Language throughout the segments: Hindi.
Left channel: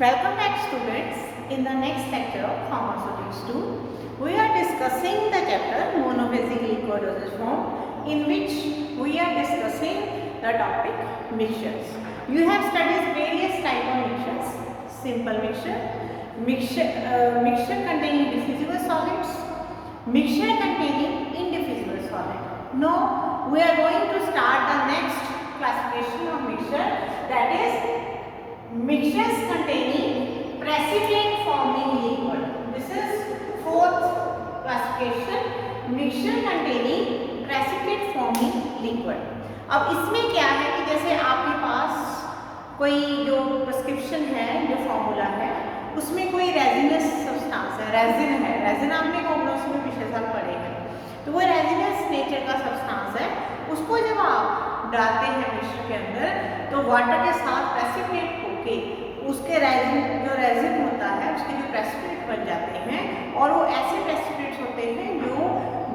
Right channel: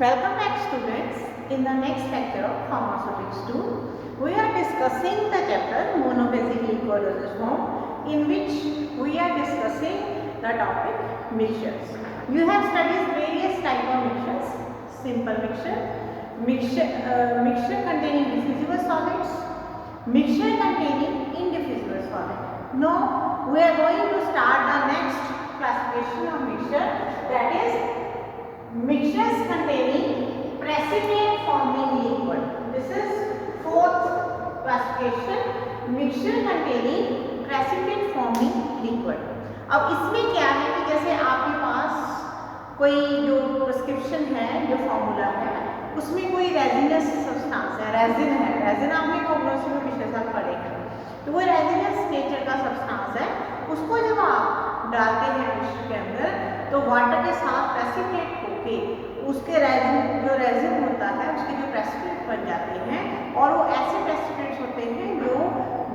Welcome back students. In the next lecture of Pharmaceutics 2, we are discussing the chapter monophasic liquid dosage form, in which we are discussing the topic mixtures. You have studied various type of mixtures: simple mixture containing diffusible solids, mixture containing indiffusible solid. Now we are going to start the next classification of mixture, that is mixtures containing precipitate forming liquid. This is fourth classification, mixture containing precipitate forming liquid. अब इसमें क्या है कि जैसे आपके पास कोई जो प्रिस्क्रिप्शन है, जो फॉर्मूला है, उसमें कोई रेजिनस सब्सटेंस है, रेजिन आपने कॉग्नोसी में पिछले साल पढ़े हैं, तो वो रेजिनस नेचर का सब्सटेंस है। उसको जब आप डालते हैं मिक्सचर के अंदर तो वाटर के साथ प्रेसिपिटेट होके उसके रेजिन होता है, उसके जो प्रेसिपिटेट बन जाते हैं और वो ऐसे प्रेसिपिटेट्स होते हैं जो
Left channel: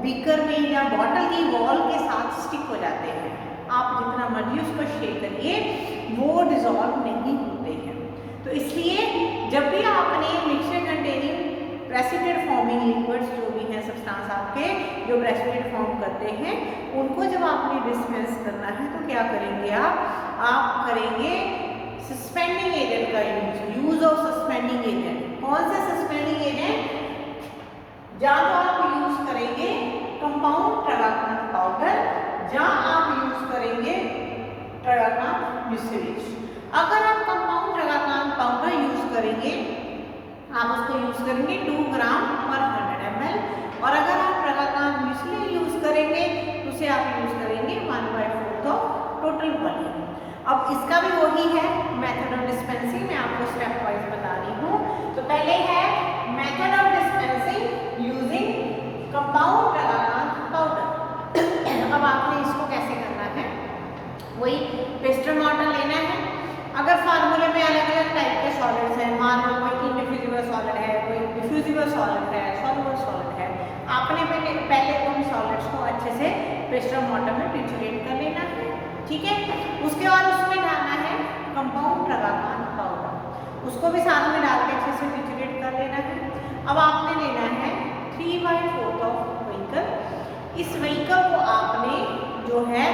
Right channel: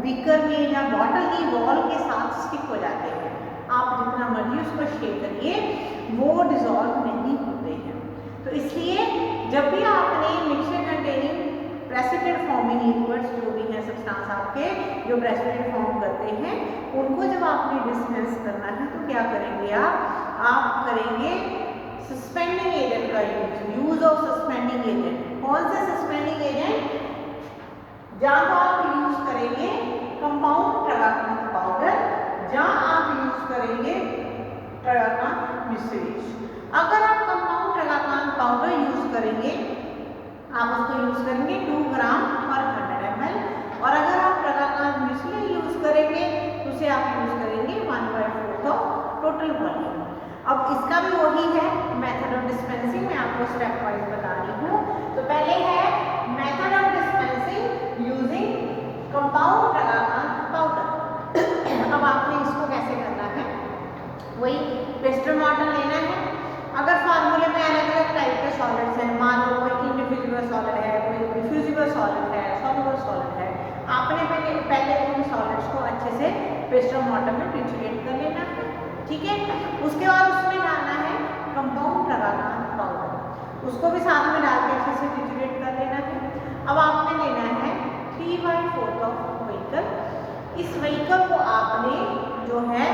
बीकर में या बॉटल की वॉल के साथ स्टिक हो जाते हैं। आप जितना मर्जी उसको शेक करिए वो डिजॉल्व नहीं होते हैं। तो इसलिए जब भी आपने mixture containing precipitate forming liquids जो भी हैं सब्सटेंस आपके जो प्रेसिपिटेट फॉर्म करते हैं, उनको जब आपने डिस्पेंस करना है तो क्या करेंगे आप करेंगे सस्पेंडिंग एजेंट का यूज ऑफ सस्पेंडिंग एजेंट। कौन से सस्पेंडिंग एजेंट? जहाँ तो आप यूज करेंगे कंपाउंड ट्रागाकांत पाउडर, जहाँ आप यूज करेंगे ट्रागाकांत म्यूसिलेज। अगर आप कंपाउंड ट्रागाकांत पाउडर यूज करेंगे, आप उसको यूज करेंगे 2 ग्राम पर 100 ml, और अगर आप ट्रागाकांत म्यूसिलेज यूज करेंगे तो उसे आप यूज करेंगे 1/4 ऑफ टोटल वॉल्यूम। अब इसका भी वही है मेथड ऑफ डिस्पेंसिंग, मैं आपको स्टेप वाइज बता रही हूँ। तो पहले है method of dispensing using compound tragacanth powder. अब आपने इसको कैसे करना है, वही पेस्टर मॉडल लेना है। अगर फार्मूले में अलग अलग टाइप के सॉलिड्स हैं, मान लो कोई इंडिफ्यूजिबल सॉलिड है, कोई डिफ्यूजिबल सॉलिड है, सॉल्युबल सॉलिड है, आपने पहले उन सॉलिड्स को अच्छे से पेस्टर मॉडल में ट्रिचुरेट कर लेना है, ठीक है। उसके बाद उसमें डालना है कंपाउंड ट्रागाकांत पाउडर, उसको भी साथ में डाल के अच्छे से ट्रिचुरेट कर लेना है। अब आपने लेना है 3/4 ऑफ व्हीकल। इस व्हीकल को आपने जो है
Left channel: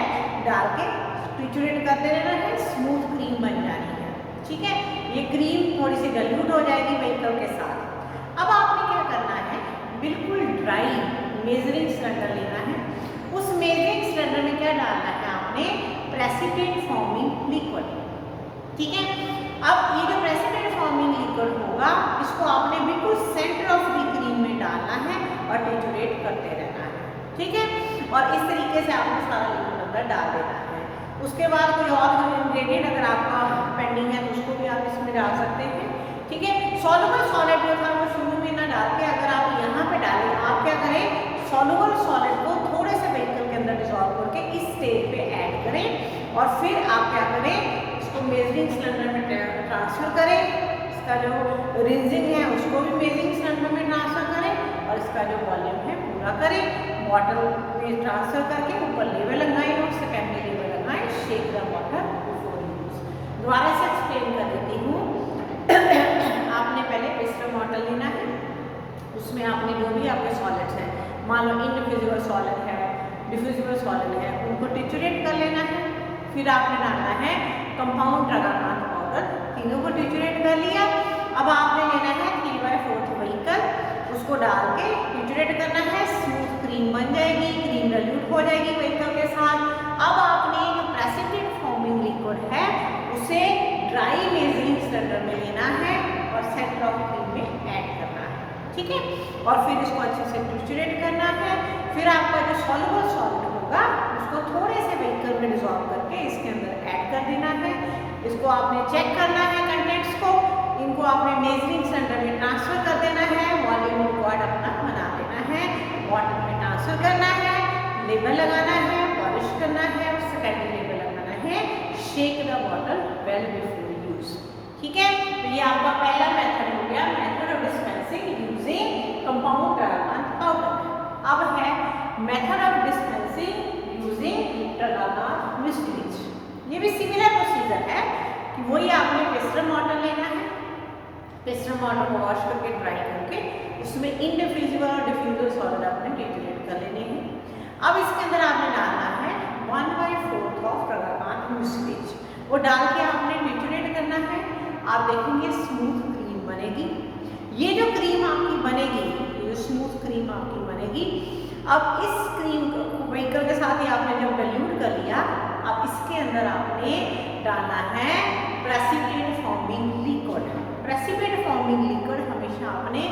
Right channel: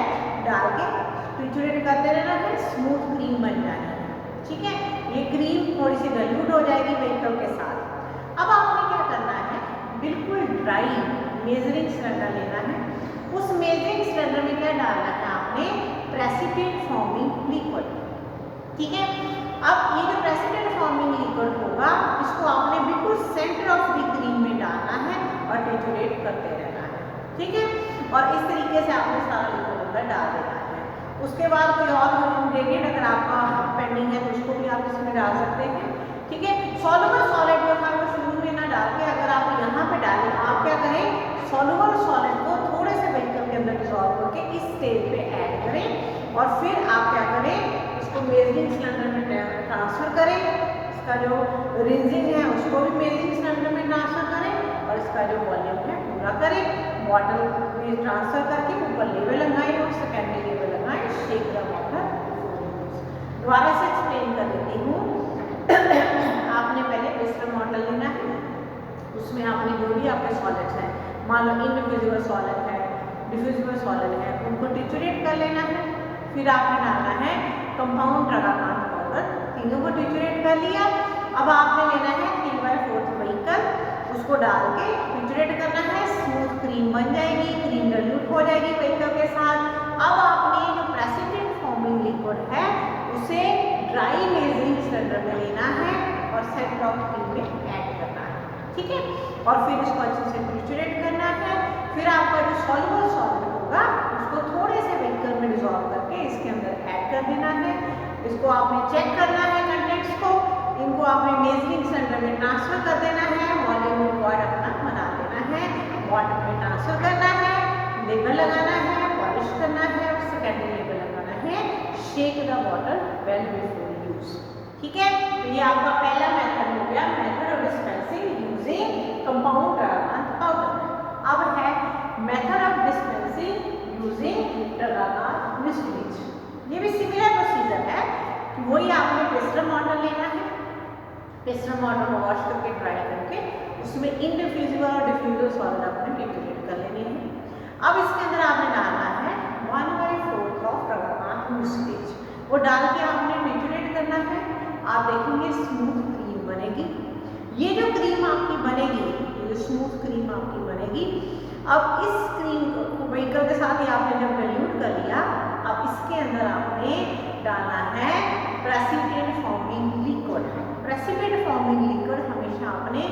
डाल के ट्रिचुरेट करते रहना है, स्मूथ क्रीम बन जानी है, ठीक है। ये क्रीम थोड़ी सी डाइल्यूट हो जाएगी व्हीकल के साथ। अब आपने क्या करना है, बिल्कुल ड्राई मेजरिंग सिलेंडर लेना है। उस मेजरिंग सिलेंडर में क्या डालना है आपने, प्रेसिपिटेट फॉर्मिंग लिक्विड, ठीक है। अब ये जो प्रेसिपिटेट फॉर्मिंग लिक्विड होगा, इसको आपने बिल्कुल सेंटर ऑफ द क्रीम में डालना है और ट्रिचुरेट करते रहना है, ठीक है। और इस तरीके से आपने सारा लिक्विड अंदर डाल देना है। उसके बाद कोई और इंग्रेडिएंट अगर आपका पेंडिंग है तो उसको भी आप इसमें डाल सकते हैं, ठीक है। सॉल्युबल सॉलिड जो था वो शुरू में ना डाल के अगर आप यहाँ पे डालें, आप क्या करें, सॉल्युबल सॉलिड को थोड़े से व्हीकल के अंदर डिसॉल्व करके इस स्टेज पे ऐड करें और फिर आप क्या करें, इसको मेजरिंग सिलेंडर में ट्रांसफर करें। इसका जो रिंजिंग है उसको भी मेजरिंग सिलेंडर में ट्रांसफर करें और इसका जो वॉल्यूम है पूरा करें। बॉटल में ट्रांसफर करके ऊपर लेवल लगाएं और सेकेंडरी लेवल लगाएं, shake the water before use. दोबारा से एक्सप्लेन कर देती हूँ। आपने पहले पेस्टर मॉडल लेना है, उसमें आपने जो भी आपके सॉलिड्स हैं, मान लो इंडिफ्यूजिबल सॉलिड है, डिफ्यूजिबल सॉलिड है, उनको ट्रिचुरेट कर लेना है। फिर आपने डालना है कंपाउंड ट्रागाकांत पाउडर, तीनों को ट्रिचुरेट कर लिया। अब आपने लेना है 3/4 व्हीकल, उसको डाल के ट्रिचुरेट करना है, स्मूथ क्रीम बन जाएगी, क्रीम डाइल्यूट हो जाएगी व्हीकल के साथ। अब आपने जो प्रेसिपिटेट फॉर्मिंग लिक्विड है उसे ड्राई मेजरिंग सिलेंडर में लेना है और सेंटर ऑफ क्रीम में ऐड करना है, ठीक है। और फिर इसको अच्छे से ट्रिचुरेट करना है। फिर आपका जो सॉल्युबल सॉलिड होगा उसको थोड़े से व्हीकल में डिसॉल्व करके इसके अंदर ऐड कर देना है। इसको आपने चेक करना है कंटेंट्स को, इनको आपने मेजरिंग सिलेंडर में ट्रांसफर कर देना है, वॉल्यूम रिकॉर्ड अपना बना लेना है, बॉटल में ट्रांसफर करना है, लेबल लगाना है, पॉलिश करना है और सेकेंडरी लेबल लगाना है, shake the bottle well before use, ठीक है। तो ये आपका पहला मेथड हो गया, method of dispensing using compound tragacanth powder. अब है method of dispensing using tragacanth mucilage. ये भी सिमिलर प्रोसीजर है कि वही आपने पेस्टर मॉडल लेना है, पिस्टन वाटर को वॉश करके ड्राई करके उसमें इंडिफ्यूजिबल और डिफ्यूजिबल सॉलिड आपने टिट्यूरेट कर लेने हैं। अब इसके अंदर आपने डालना है 1/4 ऑफ प्रगापात म्यूसिलेज, वो डाल के आपने टिट्यूरेट करना है। आप देखेंगे स्मूथ क्रीम बनेगी। ये जो क्रीम आपकी बनेगी, ये जो स्मूथ क्रीम आपकी बनेगी, अब इस क्रीम को व्हीकल के साथ ही आपने जब डाइल्यूट कर लिया, अब इसके अंदर आपने डालना है precipitate forming liquid. Precipitate forming liquid हमेशा आपने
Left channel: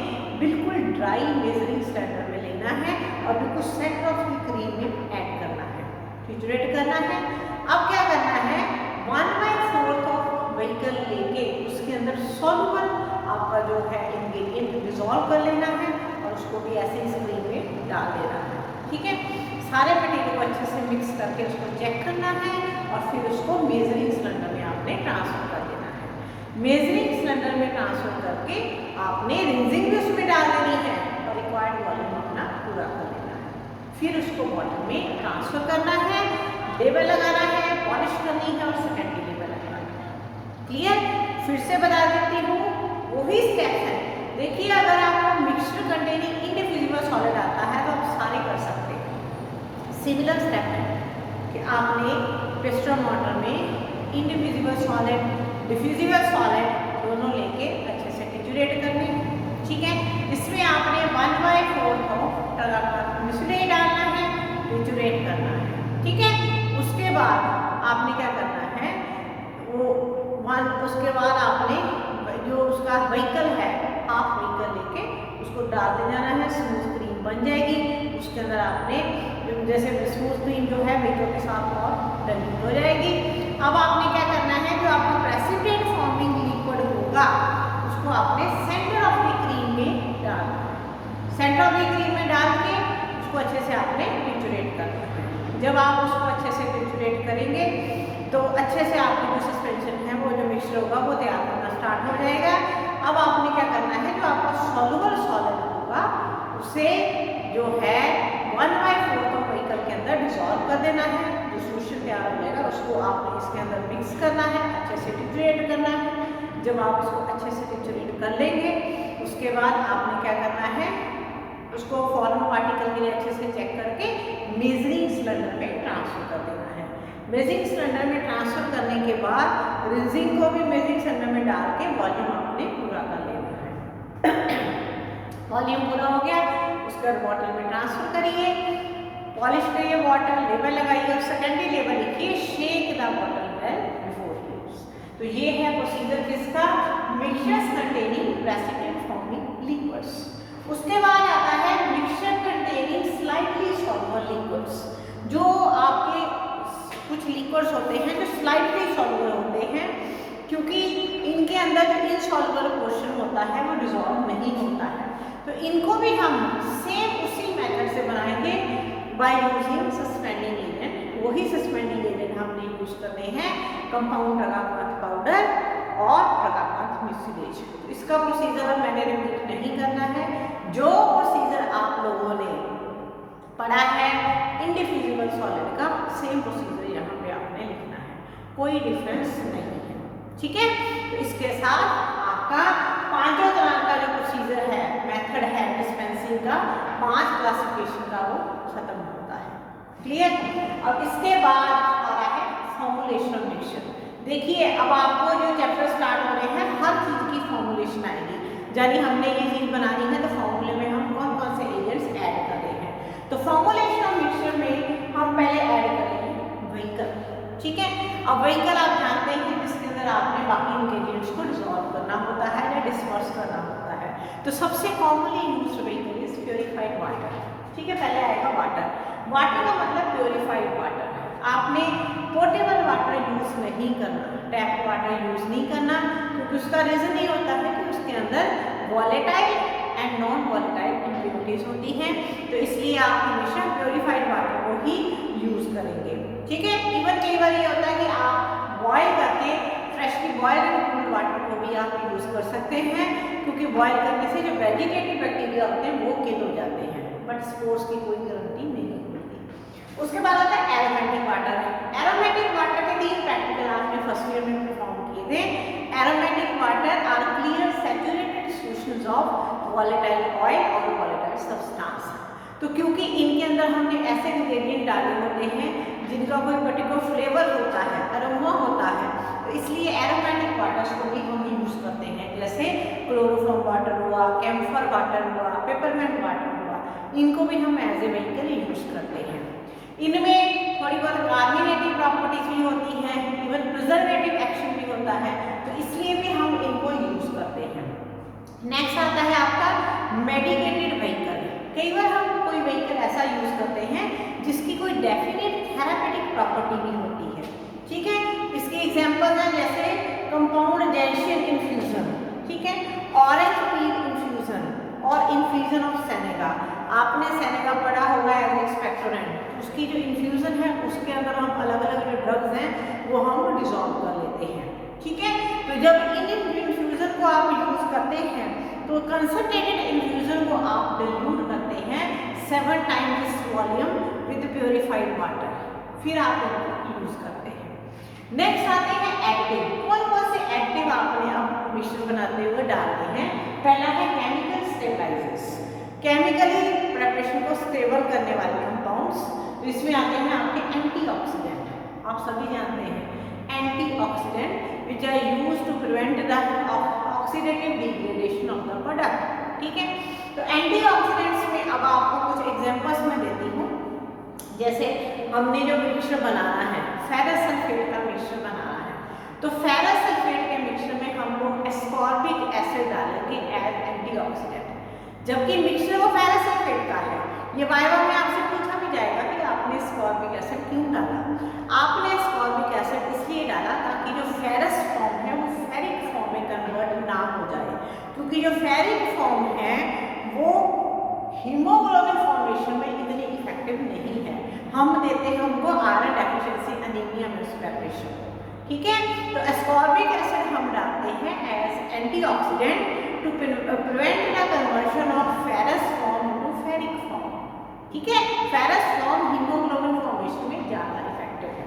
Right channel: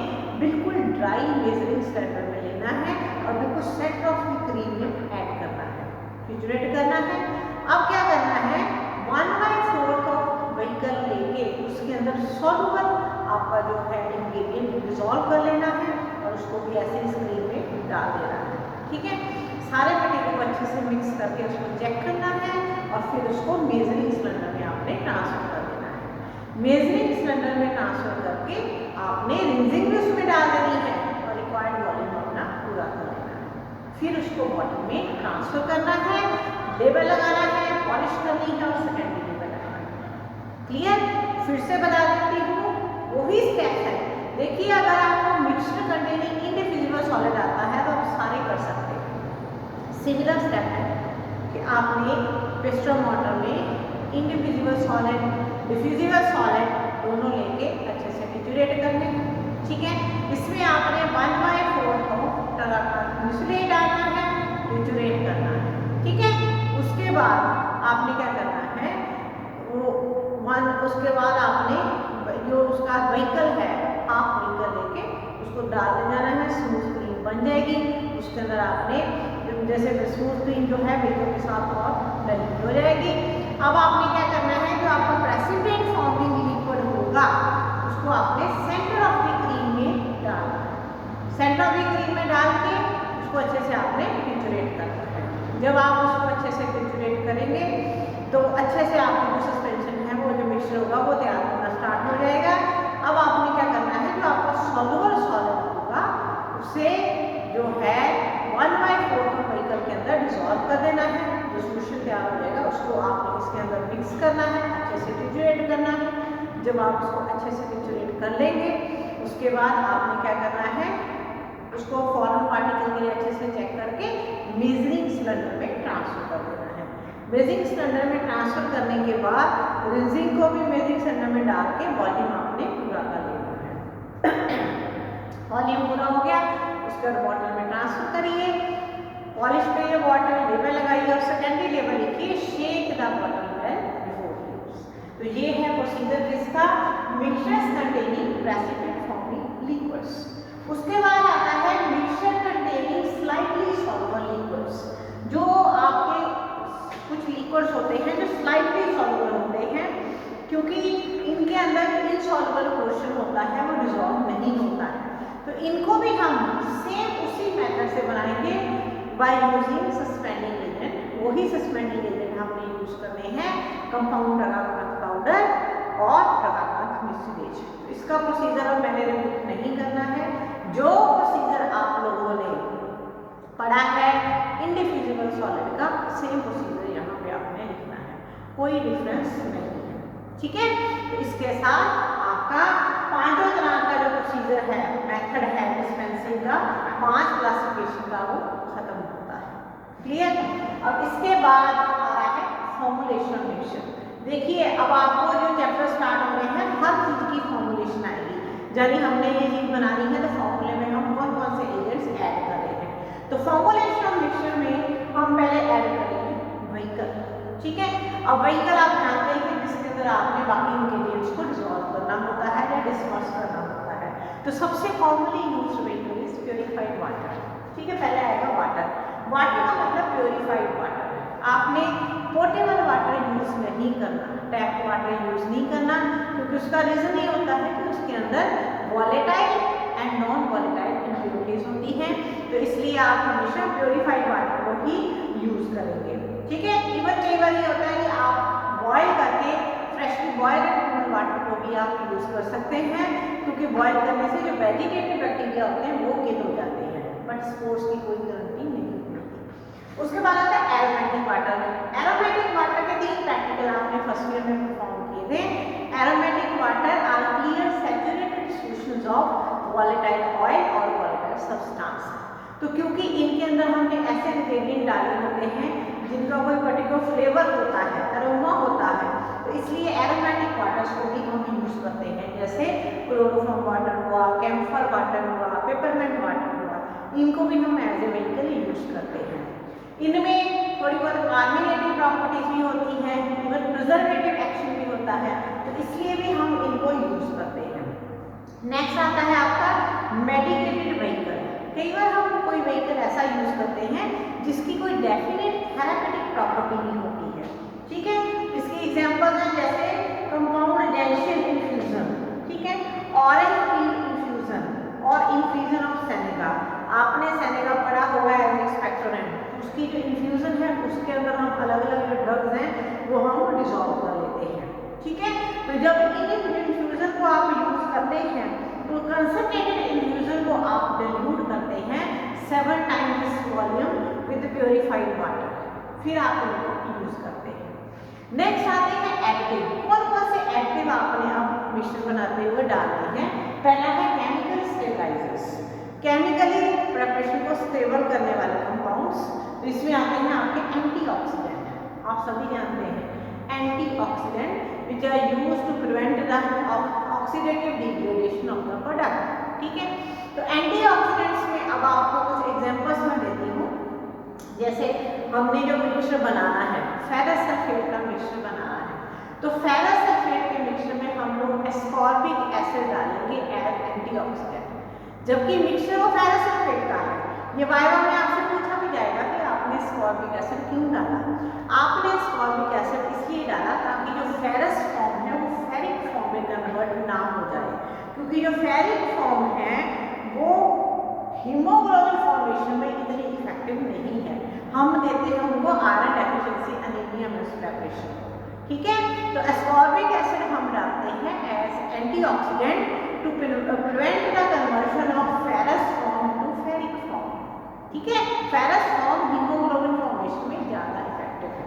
बिल्कुल ड्राई मेजरिंग स्टैंडर्ड में लेना है और बिल्कुल सेंटर ऑफ द क्रीम में ऐड करना है, टिट्यूरेट करना है। अब क्या करना है, 1/4 ऑफ व्हीकल लेके उसके अंदर सॉल्युबल आपका जो है इंग्रेडिएंट डिसॉल्व कर लेना है और उसको भी ऐसे इस क्रीम में डाल देना है। ठीक है, सारे मटेरियल को अच्छे से मिक्स करके उसको चेक करना है और फिर उसको मेजरिंग सिलेंडर में आपने ट्रांसफर कर देना है। मेजरिंग सिलेंडर में ट्रांसफर करके आपने रिंजिंग भी उसमें डाल देनी है और रिक्वायर्ड वॉल्यूम अपना पूरा कर देना है। फिर उसको बॉटल में ट्रांसफर करना है, लेबल लगाना है, पॉलिश करनी है और सेकेंडरी लेबल लगाना है। क्लियर? फिर से बता देती हूँ, वही स्टेप है। देखिए, अगर आपको मिक्सचर कंटेनिंग इंडिफ्यूजिबल सॉलिड आता है तो आप सारे कर सकते हैं। सिमिलर स्टेप है कि आपने पिस्टन वाटर में इंडिफ्यूजिबल सॉलिड, डिफ्यूजिबल सॉलिड दोनों लेके अच्छे से टिट्यूरेट करने। ठीक है, इसमें आपने 1/4 ऑफ म्यूसिलेज डालना है, टिट्यूरेट करना है। ठीक है, उसके बाद आपने क्या करना है, उसके बाद आपने जो उसका व्हीकल है, हाफ व्हीकल लेके उसको डालते जाना है। स्मूथ क्रीम बन जाएगी। उसके अंदर आपने जैसे स्मूथ क्रीम जो है व्हीकल के साथ और डाइल्यूट हो जाएगी। अब आपने क्या करना है, जो आपका प्रेसिपिटेट फॉर्मिंग लिक्विड होगा उसको आपने सेंटर ऑफ द क्रीम में डालना है। सेंटर ऑफ द क्रीम में डाल के उसको अच्छे से आपने टिट्यूरेट करना है। जब आप उसको अच्छे से टिट्यूरेट करेंगे तो अच्छे से आपको जो सस्पेंशन है, वो जो मिक्सचर होगा वो तैयार होना स्टार्ट हो जाएगा। अब आपने क्या करना है, जो आपका सॉल्युबल सॉलिड होगा उसे जो है 1/4 ऑफ व्हीकल के अंदर डिसॉल्व कर देना है। जो सोल्यूशन तैयार हो जाएगा उसको आपने इसके अंदर मिक्स करना है, अच्छे से टिट्यूरेट करना है। जब आप उसको अच्छे से टिट्यूरेट कर लेंगे, उसके बाद आपने क्या करना है, उसको फॉर्मल पार्टिकल के लिए अच्छे से चेक करके मेजरिंग सिलेंडर में ट्रांसफर कर देना है। मेजरिंग सिलेंडर में ट्रांसफर करने के बाद रिंजिंग को भी मेजरिंग सिलेंडर में डाल के वॉल्यूम आपने पूरा कर लेना है। वॉल्यूम पूरा हो गया, उसके बाद बॉटल में ट्रांसफर करिए, पॉलिश करिए बॉटल, लेबल लगाइए और सेकेंडरी लेबल लिखिए shake the bottle well before use. तो ये है प्रोसीजर किसका, mixtures containing precipitate forming liquids. उसके बाद आता है mixture containing slightly soluble liquids. जो आपके कुछ लिक्विड्स होते हैं जो स्लाइटली सॉल्युबल होते हैं, क्योंकि इनके अंदर इनसॉल्युबल पोर्शन होता है, वो डिसॉल्व नहीं होता है। तो इनको भी हम सेम उसी मेथड से बनाएंगे बाय यूजिंग सस्पेंडिंग एजेंट। वही सस्पेंडिंग एजेंट हमने यूज करने हैं, कंपाउंड प्रगापात पाउडर और प्रगापात म्यूसिलेज। इसका प्रोसीजर मैंने रिपीट नहीं करना है। जो प्रोसीजर आप लोगों ने पढ़ा है इंडिफ्यूजिबल सॉलिड का, सेम प्रोसीजर यहाँ पे आपने लिखना है, कोई डिफरेंस नहीं है। ठीक है, तो इसके साथ आपका पांचों तरह का जो प्रोसीजर है, मेथड है डिस्पेंसिंग का, 5 क्लासिफिकेशन का, वो खत्म होता है। क्लियर? अब इसके बाद आ रहा है फॉर्मुलेशन ऑफ मिक्सचर। देखिए, अब आपको जो चैप्टर स्टार्ट हो रहे हैं, हर चीज की फॉर्मुलेशन आएगी। यानी हमने ये चीज बनानी है तो फॉर्मूले में हम कौन कौन से एजेंट्स ऐड कर रहे हैं। तो फॉर्मुलेशन ऑफ मिक्सचर में हम पहले ऐड करेंगे व्हीकल। ठीक है, अब व्हीकल आप जानते हैं जिसके अंदर आपने बाकी इंग्रेडिएंट्स को डिसॉल्व करना होता है या डिस्पर्स करना होता है। तो सबसे commonly used vehicle is purified water. ठीक है, पहले आएगा वाटर। वाटर का मतलब प्योरीफाइड वाटर। आपने पोर्टेबल वाटर यूज नहीं करना, टैप वाटर यूज नहीं करना, क्योंकि उसका रीजन ये होता है कि उसके अंदर volatile and non volatile impurities होती हैं। तो इसलिए आप हमेशा प्योरीफाइड वाटर को ही यूज करेंगे। ठीक है, इवन कई बार ये होता है कि आप बॉयल करके फ्रेशली बॉयल कूल्ड वाटर को भी आप यूज कर सकते हैं, क्योंकि बॉयल करने से जो वेजिटेटिव बैक्टीरिया होते हैं वो किल हो जाते हैं, बट स्पोर्स की कोई गारंटी नहीं होती। उसके बाद आता है एरोमेटिक वाटर। एरोमेटिक वाटर के 3 प्रैक्टिकल आपने फर्स्ट ईयर में परफॉर्म किए थे। Aromatic water or clear saturated solutions of volatile oil और वॉलेटाइल सब्सटेंस। तो क्योंकि इनके अंदर हमने ऐसे इंग्रेडिएंट डाले होते हैं जिनका कोई पर्टिकुलर फ्लेवर होता है, अरोमा होता है, तो इसलिए एरोमेटिक वाटर्स को भी हम यूज करते हैं, जैसे क्लोरोफॉर्म वाटर हुआ, कैम्फर वाटर हुआ, पेपरमेंट वाटर हुआ, इनको भी हम एज ए व्हीकल यूज करते हैं। इनमें थोड़ी बहुत कार्बोनेटिव प्रॉपर्टीज भी होती हैं, इवन प्रिजर्वेटिव एक्शन भी होता है, तो इसलिए भी हम इनको यूज करते हैं। नेक्स्ट आता है आपका मेडिकेटेड व्हीकल। कई बार हम कोई व्हीकल ऐसा यूज करते हैं जिसकी कोई डेफिनेट थेरापेटिक प्रॉपर्टी भी होती है, ठीक है। इसके एग्जांपल हैं जैसे कंपाउंड जेंशियन इन्फ्यूजन, ठीक है, ऑरेंज पील इन्फ्यूजन और इन्फ्यूजन ऑफ सेनेगा। आपने सेनेगा पढ़ा होगा एज एक्सपेक्टोरेंट, उसकी जो इन्फ्यूजन है उसके अंदर हम अलग अलग जो ड्रग्स हैं वो हम डिजॉल्व कर लेते हैं, ठीक है। तो जब इन इन्फ्यूजन को आप यूज करते हैं तो कंसंट्रेटेड इन्फ्यूजन को आप डिल्यूट करते हैं 7 times this volume with purified water, फिर आप इनको यूज करते हैं। नेक्स्ट आते हैं एक्टिव। कौन कौन से एक्टिव आपने अब मिक्सचर बनाते हुए डालते हैं? पहला है केमिकल स्टेबलाइजर्स, केमिकली प्रिपरेशन को स्टेबल करने वाले कंपाउंड्स। तो इसमें आते हैं आपके एंटीऑक्सीडेंट, आप सभी जानते हैं antioxidant which are used to prevent the oxidative degradation of the product, ठीक है। तो एंटीऑक्सीडेंट्स में अब आपको कुछ एग्जांपल्स मैं देती हूँ। जैसे हमने जो मिक्सचर बनाना है, फेरस सल्फेट का मिक्सचर बनाना है, तो फेरस सल्फेट के मिक्सचर में हम लोग एस्कॉर्बिक एसिड डालेंगे एज एंटीऑक्सीडेंट, जबकि मिक्सचर वो फेरस सल्फेट का है। ये वाइवा में आपसे पूछा भी जाएगा कि आपने एस्कॉर्बिक एसिड क्यों डाला। आपने एस्कॉर्बिक एसिड इसलिए डाला ताकि जो फेरस फॉर्म है वो फेरिक फॉर्म में कन्वर्ट ना हो जाए, क्योंकि जो फेरिक फॉर्म है वो हीमोग्लोबिन फॉर्मेशन में इतनी इफेक्टिव नहीं है। हम देते हैं उनको आयरन डेफिशिएंसी एनीमिया में प्रिपरेशन, ठीक है। तो एस्कॉर्बिक एसिड हम डालते हैं as antioxidant to prevent the conversion of ferrous form to ferric form, ठीक है। फेरस फॉर्म हीमोग्लोबिन फॉर्मेशन में ज़्यादा इफेक्टिव है।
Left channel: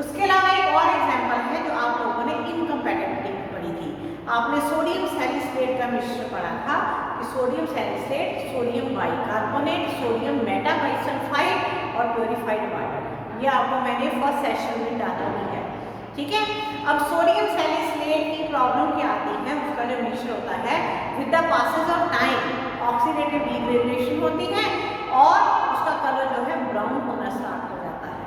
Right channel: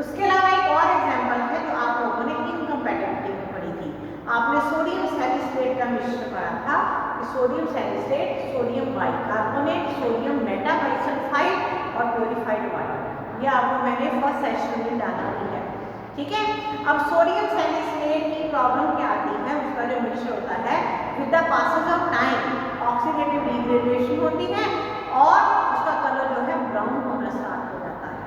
उसके अलावा एक और एग्जांपल है जो आप लोगों ने इनकम्पैटिबिलिटी में पढ़ी थी। आपने सोडियम सैलिसिलेट का मिक्सचर पढ़ा था कि sodium salicylate, sodium bicarbonate, sodium metabisulphite और प्योरीफाइड वाटर, ये आपको मैंने फर्स्ट सेशन में डाला भी है, ठीक है। अब सोडियम सैलिसिलेट की प्रॉब्लम क्या आती है, उसका जो मिक्सचर होता है with the passage of time oxidative degradation होती है और उसका कलर जो है ब्राउन होना स्टार्ट हो जाता है।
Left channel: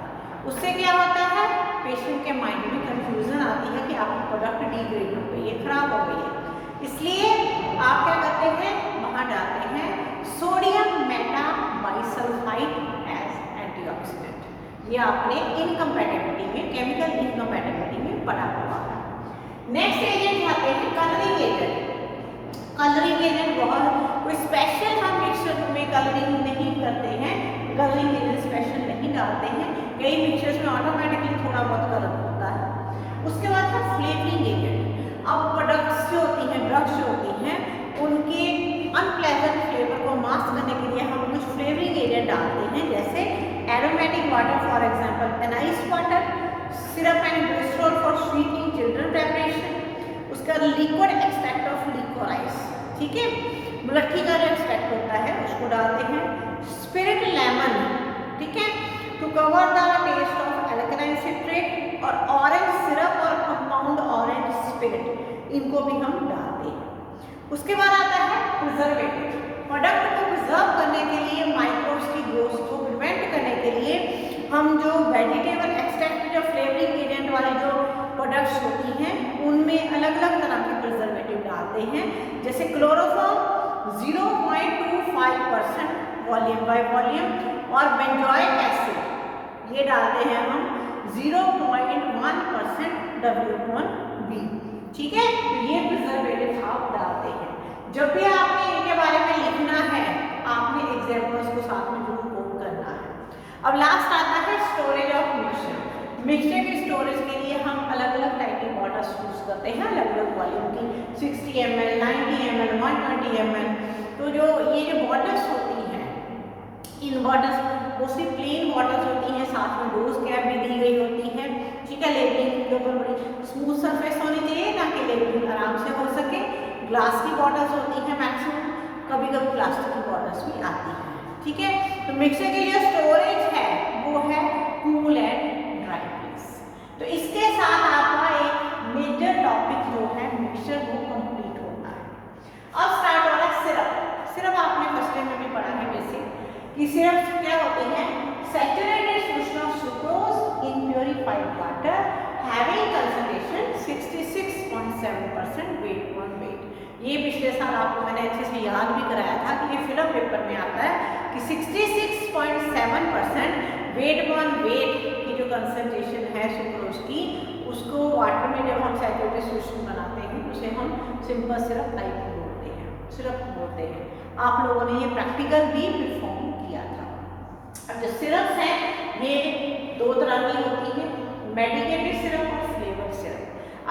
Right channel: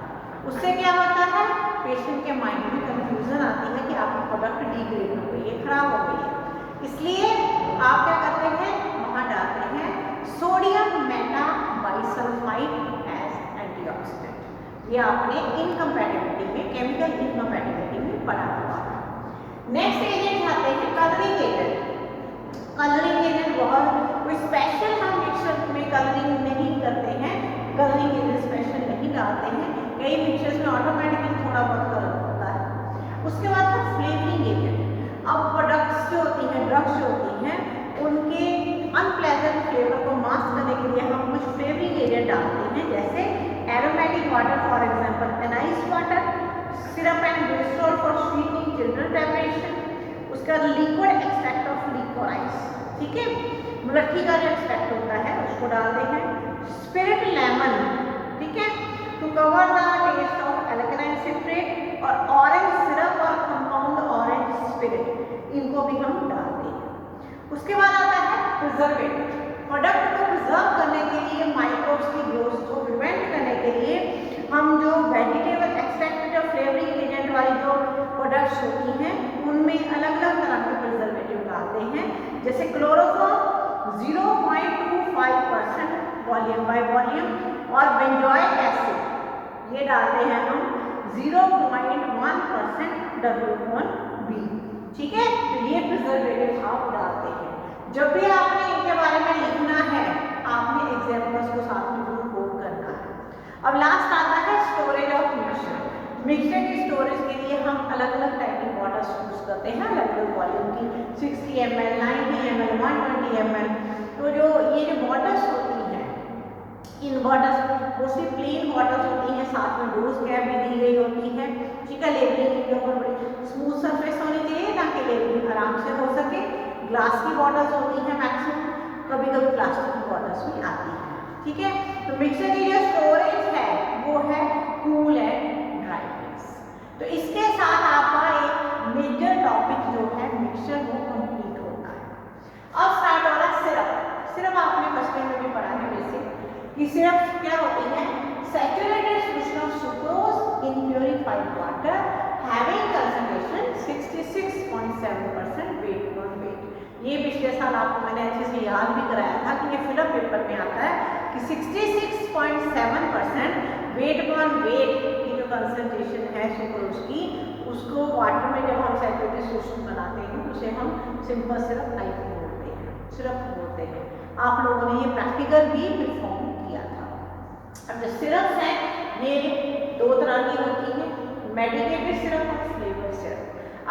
उससे क्या होता है, पेशेंट के माइंड में कंफ्यूजन आती है कि आपकी प्रोडक्ट डिग्रेड हो गई है, खराब हो गई है। इसलिए आप क्या करते हैं, वहाँ डालते हैं सोडियम मेटाबाइसल्फाइड एज एंटीऑक्सीडेंट। ये आपने इनकम्पैटिबिलिटी में, केमिकल इनकम्पैटिबिलिटी में पढ़ा हुआ है। नेक्स्ट एजेंट आते हैं कलरिंग एजेंट। कलरिंग एजेंट बहुत कोई स्पेशल हम मिक्सचर में कलरिंग नहीं करते हैं, कलरिंग एजेंट स्पेशल नहीं डालते हैं, कई मिक्सचर्स में ऑटोमेटिकली थोड़ा बहुत कलर होता है। उसके बाद है फ्लेवरिंग एजेंट। अब प्रोडक्ट्स जो होती हैं, ड्रग्स जो होती हैं, उनके अनप्लेजेंट फ्लेवर को मास्क करने के लिए हम कुछ फ्लेवरिंग एजेंट डालते हैं, जैसे aromatic water for example anise water, syrup and glycerol for sweetening children preparation, उसका लिक्विड एक्सट्रैक्ट ऑफ लिकोराइस, ठीक है, मुलट्ठी का जो एक्सट्रैक्ट होता है उसको डालते हैं, स्पिरिट लेमन, ठीक है, to cover the taste of alkaline citrate, और ऑरेंज सिरप और कंपाउंड ऑरेंज स्पिरिट, इनको भी हम डालते हैं। उसके बाद आता है प्रिजर्वेटिव। प्रोडक्ट को प्रिजर्व करने के लिए, माइक्रोब्स की ग्रोथ को प्रिवेंट करने के लिए हम जो वेजिटेबल एक्सट्रैक्ट, जो फ्लेवरिंग एजेंट वाली जो प्रोडक्ट्स होती हैं उनमें अलग अलग तरह के प्रिजर्वेटिव डालते हैं, जैसे क्लोरोफॉर्म 0.25% वॉल्यूम बाय वॉल्यूम और बेंजोइक एसिड ये डालते हैं हम 0.1% W1B, ठीक है। तो ये प्रिजर्वेटिव आप डालते हैं। जब भी आपने इनके बारे में लिखना है आपने एग्जांपल्स को साथ में जरूर कोट करना है। अब लास्ट आता है स्टोरेज ऑफ मिक्सचर। मिक्सचर की स्टोरेज के लिए हम अलग अलग टाइप की बॉटल्स यूज करते हैं, अलग अलग वॉल्यूम की, 60 ml, 90 ml, 120 ml। तो जो ये जो बॉटल्स होती हैं, इन बॉटल्स मोस्टली प्लेन बॉटल्स होती हैं, साथ में डोज कैप भी दी गई होती है, ठीक है। लेबलिंग के ऊपर बड़ी स्मूथ सरफेस होनी चाहिए ताकि लेबलिंग आराम से हो सके। ग्लास की बॉटल्स होती हैं मैक्सिमम, कभी कभी प्लास्टिक की बॉटल्स भी आती हैं, ठीक है। तो मिक्सर की जो स्टोरेज है वो है कूल एंड ड्राई प्लेस। तो इसके साथ आपका एक मेजर टॉपिक जो है मिक्सचर वो कंप्लीट होता है। अब स्टार्ट हो रहा है सिरप। सिरप आपने फर्स्ट ईयर में भी पढ़ा है बेसिक कि सिरप क्या होती है, saturated solution of sucrose in purified water having concentration 66.7% weight per weight. ये पिछले साल आपको मैंने अच्छे से याद भी कराया था कि ये फिलअप पेपर में आता है कि 66.7% वेट पर वेट की जो कंसंट्रेशन है सुक्रोज की, उसको वाटर में जब हम सैचुरेटेड सॉल्यूशन बनाते हैं उसे हम सिंपल सिरप टाइप बोलते हैं, सिरप बोलते हैं। आप लोगों ने ये प्रैक्टिकल भी परफॉर्म किया था। अब जो सिरप्स हैं ये दो तरह की होती है, मेडिकेटेड सिरप और फ्लेवर सिरप।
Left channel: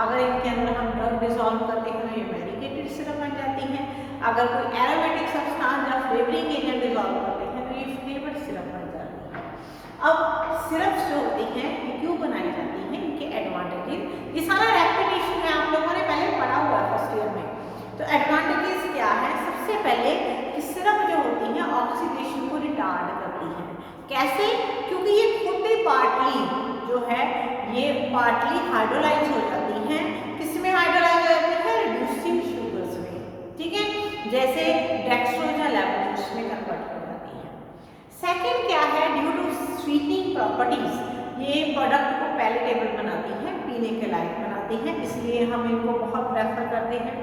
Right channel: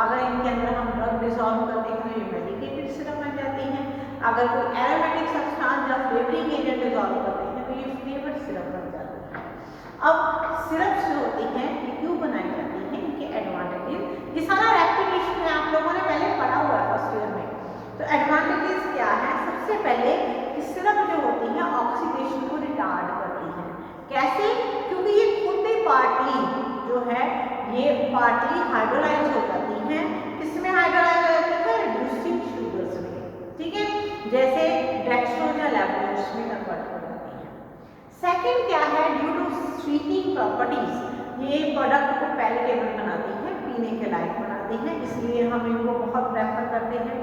अगर इनके अंदर हम ड्रग डिसॉल्व करते हैं तो ये मेडिकेटेड सिरप बन जाती हैं। अगर कोई एरोमेटिक सब्सटेंस या फ्लेवरिंग एजेंट डिसॉल्व करते हैं तो ये फ्लेवर सिरप बन जाती है। अब सिरप्स जो होती हैं ये क्यों बनाई जाती हैं, इनके एडवांटेजेस, ये सारा रेपिटेशन है, आप लोगों ने पहले पढ़ा हुआ है फर्स्ट ईयर में। तो एडवांटेजेस क्या है, सबसे पहले कि सिरप जो होती है ऑक्सीडेशन को रिटार्ड करती है। कैसे? क्योंकि ये खुद ही पार्टली जो है ये पार्टली हाइड्रोलाइज हो जाती हैं। किसमें हाइड्रोलाइज हो जाती है? रिड्यूसिंग शुगर्स में, ठीक है, जैसे डेक्सट्रोज या लैक्टोज में कन्वर्ट कर जाती है। सेकंड क्या है, ड्यू टू स्वीटनिंग प्रॉपर्टीज, ये प्रोडक्ट को पैलेटेबल बनाती है, पीने के लायक बनाती है, इसलिए हम इनको बहुत प्रेफर करते हैं।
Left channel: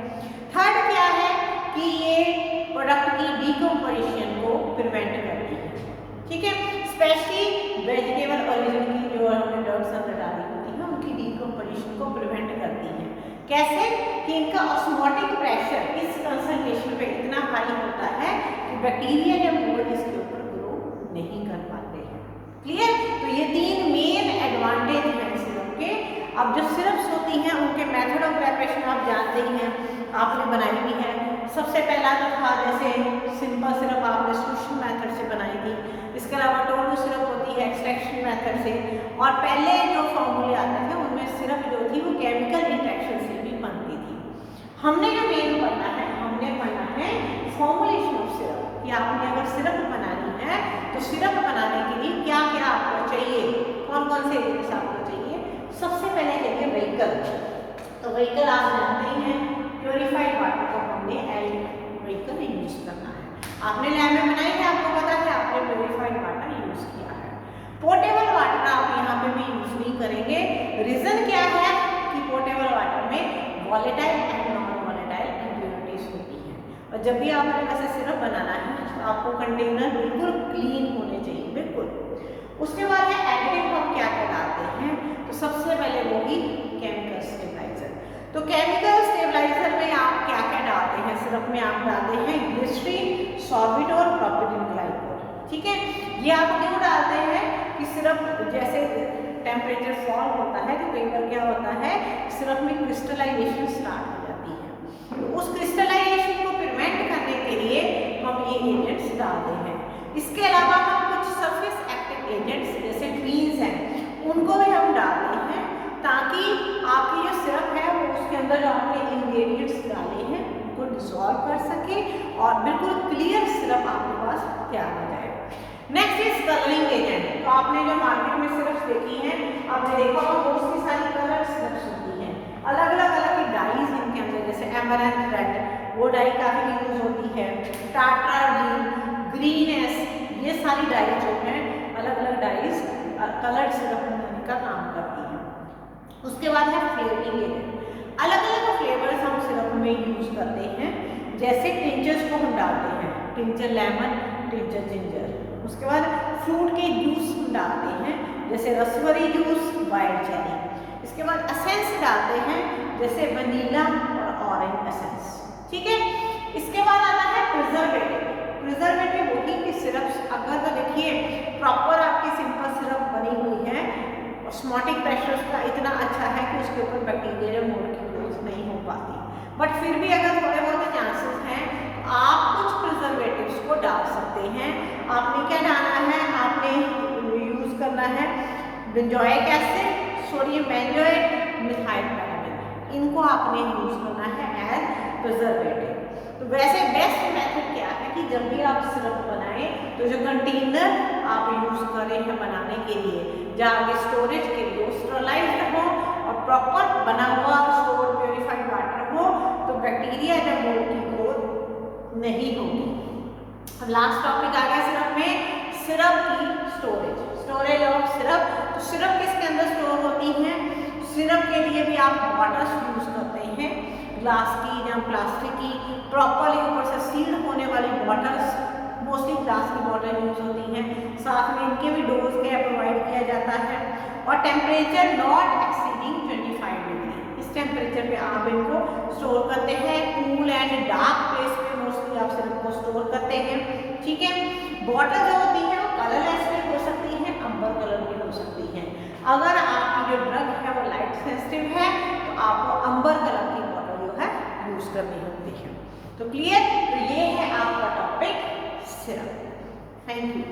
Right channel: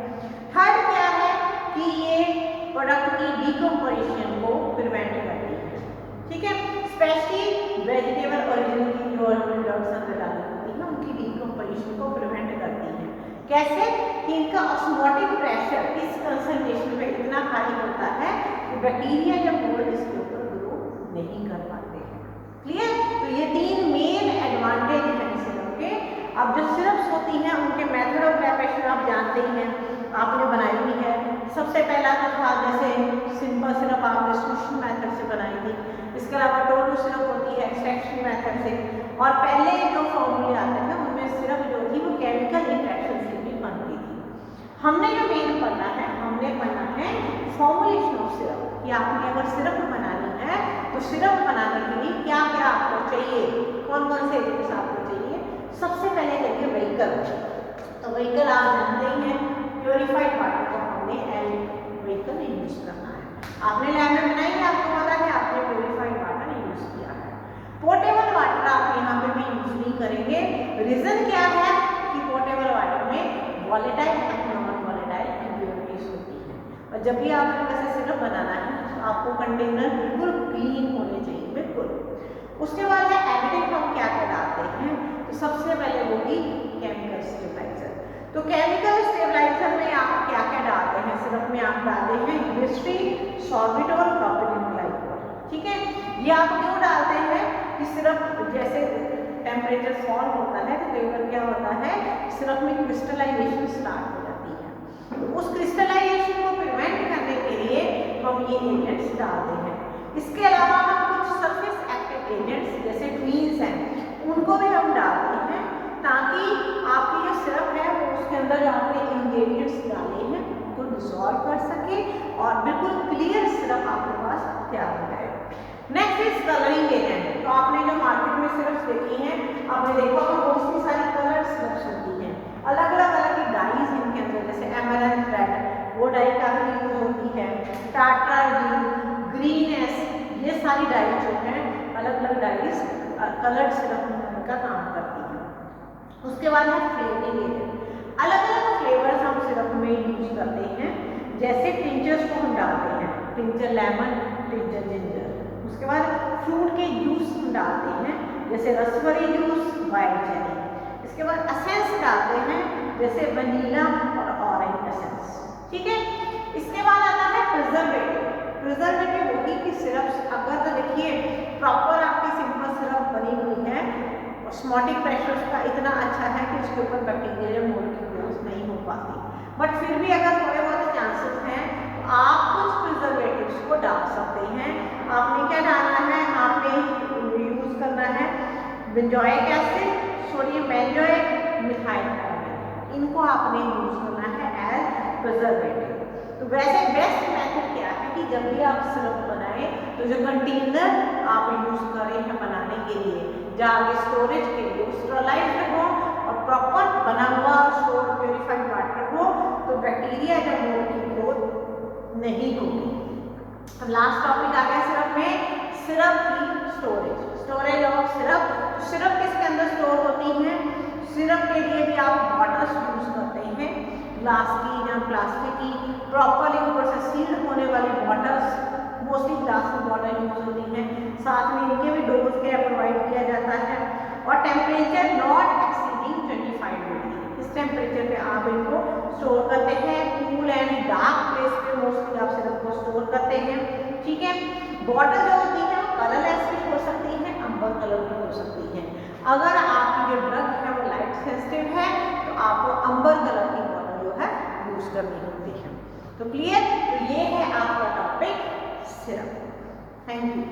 थर्ड क्या है कि ये प्रोडक्ट की डिकम्पोजिशन को प्रिवेंट करती है, ठीक है, स्पेशली वेजिटेबल ओरिजिन की जो हमने ड्रग्स अंदर डाली होती है उनकी डिकम्पोजिशन को प्रिवेंट करती है। कैसे? कि इनका ऑस्मोटिक प्रेशर इस कंसंट्रेशन पे इतना हाई होता है कि बैक्टीरिया या मोल्ड इसके ऊपर ग्रो नहीं कर पाते हैं। क्लियर? तो ये तीन मेन एडवांटेज हैं सिरप के। अब जो सिरप्स होती हैं उनके मेथड ऑफ प्रिपरेशन आप जानते ही हैं, आपने बनाई भी है। सबसे पहला तो था जैसे सिंपल सिरप आपने सूशन मेथड से बनाई थी, इसके अलावा टोटू सिरप होती है एक्सट्रैक्शन मेथड से, और पहले जो फॉर्मूले आते थे उनमें सिरप जो थी वो केमिकल इंट्रैक्शन से भी बनती थी। हमने जो मेन पढ़ना है, हमने पढ़ना है फॉर्मुलेशन ऑफ सिरप, कि आपने अगर सिरप बनानी है तो सिरप बनाने के लिए क्या क्या आपको चाहिए, कौन कौन से एलिमेंट्स आपको चाहिए। सबसे पहले चाहिए व्हीकल। तो व्हीकल आप जानते ही हैं, प्योरीफाइड वाटर को हमने व्हीकल यूज करना है। आपने लैब में बनाई है, आपको पता है, आपने प्योरीफाइड वाटर यूज किया है। पोर्टेबल वाटर आप यहाँ पे भी यूज नहीं करेंगे। रीजन क्या है कि पोर्टेबल वाटर में volatile and non volatile impurities होती हैं, और जब भी आपने वैसे सिरप बनाना है तो आपको कंटेनर बिल्कुल क्लीन होने चाहिए, बिल्कुल। उसके बाद है एडिटिव, हम क्या क्या डालते हैं, तो सबसे पहले होगी केमिकल स्टेबलाइजर। तो केमिकल स्टेबलाइजर में आप क्या क्या डालते हैं, सिरप में आप डालते हैं ग्लिसरीन, सॉर्बिटोल, प्रोपिलीन ग्लाइकोल, ठीक है। ये आप क्यों डालते हैं कि सिरप जैसे टेम्परेचर फॉल होता है तो कई बार क्या होता है सिरप में क्रिस्टलाइजेशन स्टार्ट हो जाती है, तो उस क्रिस्टलाइजेशन को प्रिवेंट करने के लिए हम ये एजेंट्स डालते हैं। इसके अलावा हम कुछ सरफेस एक्टिव एजेंट्स जैसे ट्वीन्स हैं उनको भी हम डालते हैं, ताकि आपकी जो सिरप है वो उसके अंदर जो आपने इंग्रेडिएंट्स डाले हैं उनको डिसॉल्व कर सके और बिल्कुल क्लियर सिरप आपके पास तैयार हो जाए। Next is colouring agent. तो आपने जो मार्केट में सिरप्स देखी हैं, आपने देखा होगा बहुत सी सारी कलर सिरप्स होती हैं, अलग अलग कलर की डाइज इनके अंदर, जैसे एमरल्ड रेड वो डाई काफी यूज होती है, टाटा ग्रीन एस, ये सारी डाइज जो हैं अलग अलग डाइज कलर्ड सिरप बनाने का काम करती हैं। उसके बाद है फ्लेवरिंग एजेंट। अलग अलग फ्लेवर्स हम सिरप में यूज करते हैं, जैसे टिंचर्स को हम डालते हैं, टिंचर लेमन, टिंचर जिंजर। उसके बाद फ्रूट के जूस डालते हैं, जैसे रसबेरी जूस, वाइल्ड चेरी। इसके बाद एसेंस डालते हैं, जैसे वनीला और ऑरेंज एसेंस, ठीक है। इसके बाद आता है प्रिजर्वेटिव। प्रिजर्वेटिव होती है कि सिरप अगर तो देखिए प्रॉपर आपकी सिंपल सिरप बनी हुई है, ऑस्मोटिक प्रेशर उसका इतना अच्छा है कि उसके ऊपर बैक्टीरिया मोल्ड की ग्रोथ नहीं हो पाती, बट फिर भी अगर थोड़े बहुत चांसेस हैं तो आप कुछ प्रिजर्वेटिव्स को डाल सकते हैं। आपने क्या डालना है, आपने यूज करना है benzoic acid, sodium benzoate, methyl paraffin, इनको आपने यूज करना है एज प्रिजर्वेटिव। आप सिरप बनाए तो जो कंटेनर आप यूज करें हैं बनाने के लिए, जहाँ आगे स्टोरेज के लिए स्टेरलाइज्ड हो और प्रॉपर बना हुआ स्टोर प्योरीफाइड वाटर हो, तो बैक्टीरिया जब मोल्ड की ग्रोथ नहीं होगी। अब लास्ट टॉपिक आ गया सिरप में, सिरप की स्टोरेज ऑफ सिरप। तो सिरप किसके अंदर स्टोर होती है? सिरप के लिए भी आप बॉटल्स यूज करते हैं, ग्लास की या प्लास्टिक की, प्रॉपरली ऊपर से सील्ड होने वाली बॉटल्स, मोस्टली ग्लास की बॉटल यूज होती हैं। साथ में इनके भी डोज क्या प्रोवाइड किया जाता है, और टेम्परेचर नॉट एक्सीडिंग 25 डिग्री, इस टेम्परेचर पे आप इनको स्टोर करते हैं। कूल एंड डार्क प्लेस पे मोस्टली आप सिरप को स्टोर करते हैं, ठीक है। बॉटल जो होती है वो कलरलेस भी हो सकती है, अंबर कलर की हो सकती है। अगर आपकी जो ड्रग है वो लाइट सेंसिटिव है तो आपको अंबर कलर की बॉटल जो है यूज करनी होती है। तो क्लियर, तो ये है आपका टॉपिक सिरप। Thank you.